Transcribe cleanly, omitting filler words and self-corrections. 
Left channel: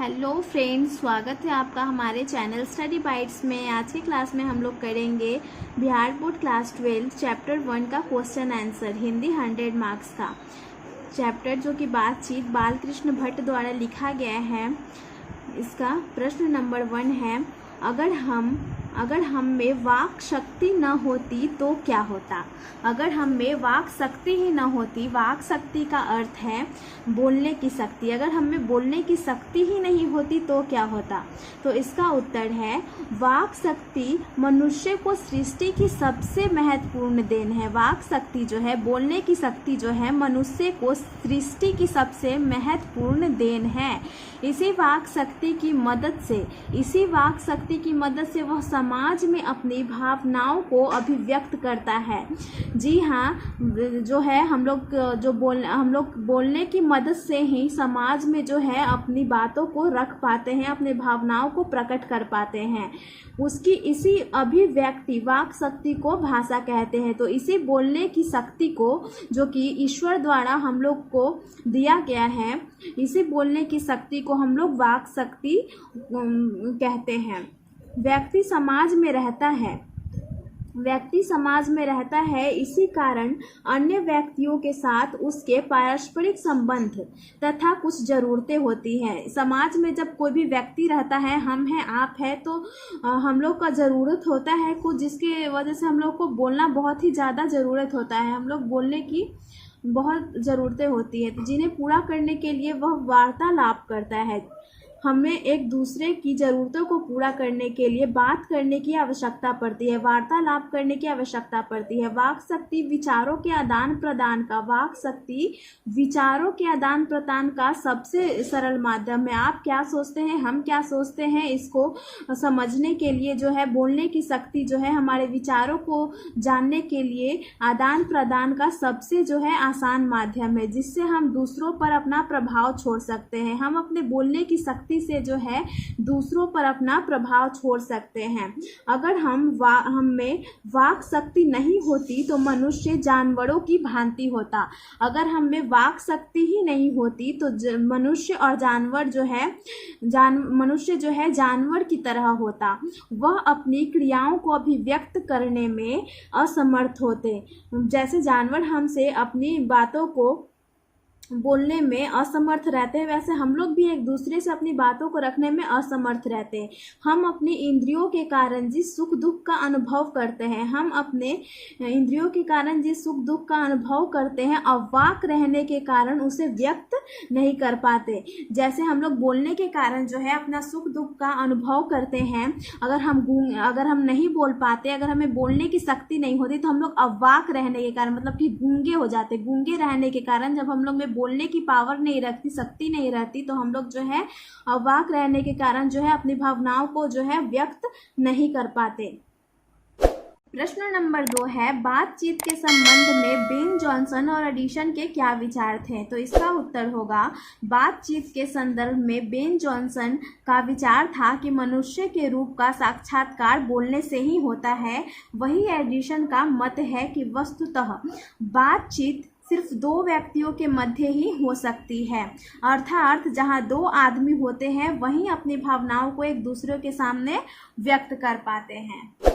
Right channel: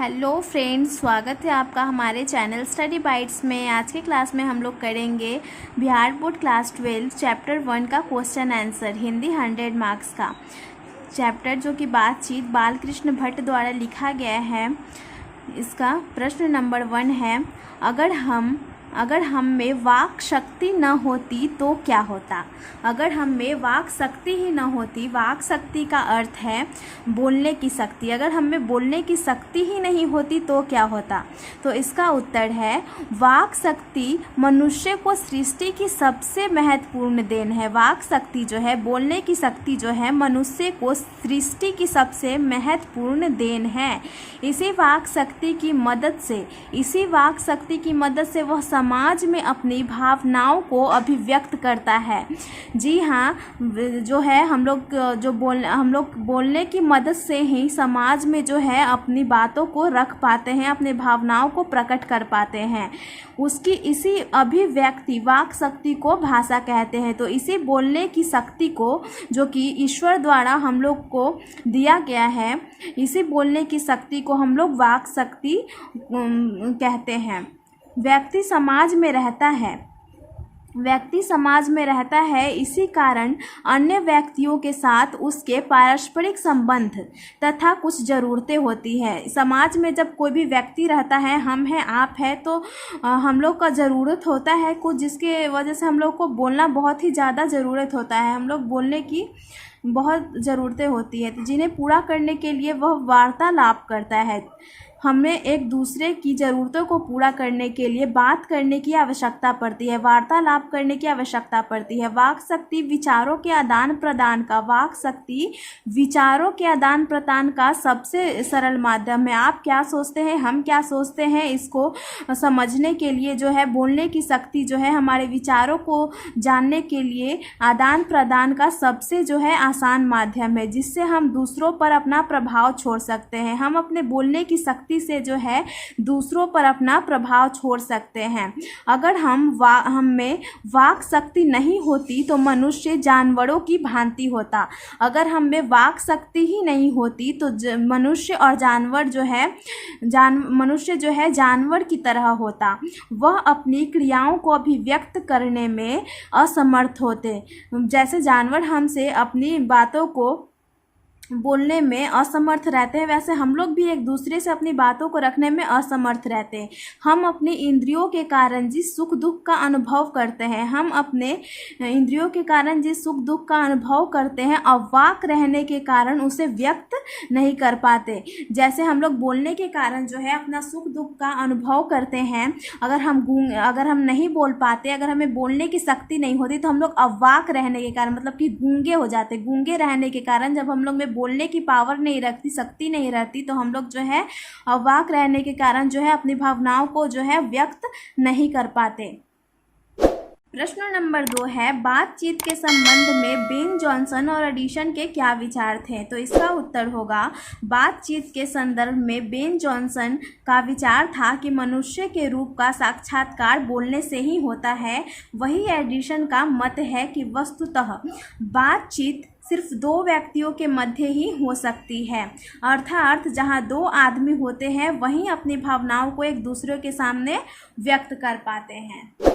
Hello friends, स्वागत है आपका हमारे चैनल स्टडी बाइट्स में। आज के क्लास में हम लोग करेंगे बिहार बोर्ड क्लास 12 चैप्टर 1 का क्वेश्चन आंसर हिंदी 100 मार्क्स का चैप्टर, जो कि बातचीत बालकृष्ण भट्ट द्वारा लिखा गया है। इसका प्रश्न नंबर 1 है, अगर हम में वाक शक्ति न होती तो क्या होता। अगर हम में वाक शक्ति ही न होती, वाक शक्ति का अर्थ है बोलने की शक्ति। अगर हम में बोलने की शक्ति ही नहीं होती तो क्या होता। तो इसका उत्तर है वाक शक्ति मनुष्य को सृष्टि की सबसे महत्वपूर्ण देन है। वाक शक्ति जो है, बोलने की शक्ति जो है, मनुष्य को सृष्टि की सबसे महत्वपूर्ण देन है। इसी वाक शक्ति की मदद से वह समाज में अपनी भावनाओं को अभिव्यक्त करता है। जी हाँ, जो है हम लोग बोलने की मदद से ही समाज में जो है अपनी बातों को रख पाते हैं, अपने भावनाओं को प्रकट कर पाते हैं। उसकी इसी अभिव्यक्ति वाक शक्ति को भाषा कहते हैं। तो इसी बोलने की शक्ति को, जो कि ईश्वर द्वारा हम लोग को दिया गया है, इसी बोलने की शक्ति को हम लोग वाक शक्ति कहते हैं। व्यक्ति समाज में रहता है, इसी कारण अन्य व्यक्तियों के साथ उसके पारस्परिक संबंध तथा कुछ ज़रूरतें होती है। समाज में जब कोई भी व्यक्ति रहता है, हम हैं, आप हैं, तो हम लोग का ज़रूरत होता है कुछ, जिसके वजह से हम लोग को बोलना बहुत ही ज़्यादा ज़रूरत होता है। हम लोग बोलने की बहुत ज़रूरतें होती है, तो जिन्हें पूरा करने के लिए वह वार्तालाप करता है। हमें एक दूसरे की ज़रूरतों को पूरा करने के लिए बात करने की आवश्यकता पड़ती है, वार्तालाप करने की आवश्यकता पड़ती है। वाक शक्ति विचारों के आदान प्रदान का सबसे सरल माध्यम है। आप क्या सोचते हैं, हम क्या सोचते हैं, इसको समझने के लिए जो है बोलने की शक्ति जो है, हमारे विचारों को जानने के लिए आदान प्रदान का सबसे जो है आसान माध्यम है, जिससे हम दूसरों पर अपना प्रभाव छोड़ सकते हैं। हम अपने बोलने की शक्ति से जो है दूसरों पर अपना प्रभाव छोड़ सकते हैं। अगर हम में वाक शक्ति नहीं होती तो मनुष्य जानवरों की भांति होता। अगर हम में वाक शक्ति ही नहीं होती तो मनुष्य जो है जानवर की तरह होता। वह अपनी क्रियाओं को अभिव्यक्त करने में असमर्थ होते। जैसे जानवर हमसे अपनी बातों को बोलने में असमर्थ रहते हैं, वैसे हम लोग भी एक दूसरे से अपनी बातों को रखने में असमर्थ रहते हैं। हम अपनी इंद्रियों के कारण जिस सुख दुख का अनुभव करते हैं, अवाक रहने के कारण उसे व्यक्त नहीं कर पाते। जैसे हम लोग बोलने के कारण जो है अपना सुख दुख का अनुभव करते हैं। अगर हम नहीं बोल पाते, अगर हमें बोलने की शक्ति नहीं होती, तो हम लोग अवाक रहने के कारण, मतलब कि गूंगे हो जाते। गूंगे रहने के कारण जब हम लोग में बोलने की पावर नहीं रहती, शक्ति नहीं रहती, तो हम लोग जो है अवाक रहने के कारण जो है अपनी भावनाओं को जो है व्यक्त नहीं कर पाते। प्रश्न नंबर 2 है, बातचीत के संबंध में बेन जॉनसन और एडिसन के क्या विचार थे। तो इसका उत्तर होगा, बातचीत के संदर्भ में बेन जॉनसन का विचार था कि मनुष्य के रूप का साक्षात्कार बोलने से ही होता है। वही एडिसन का मत है कि वस्तुतः बातचीत सिर्फ 2 व्यक्तियों के मध्य ही हो सकती है, अर्थात जहां 2 आदमी होते हैं वहीं अपनी भावनाओं को एक दूसरे के सामने व्यक्त कर पाते हैं।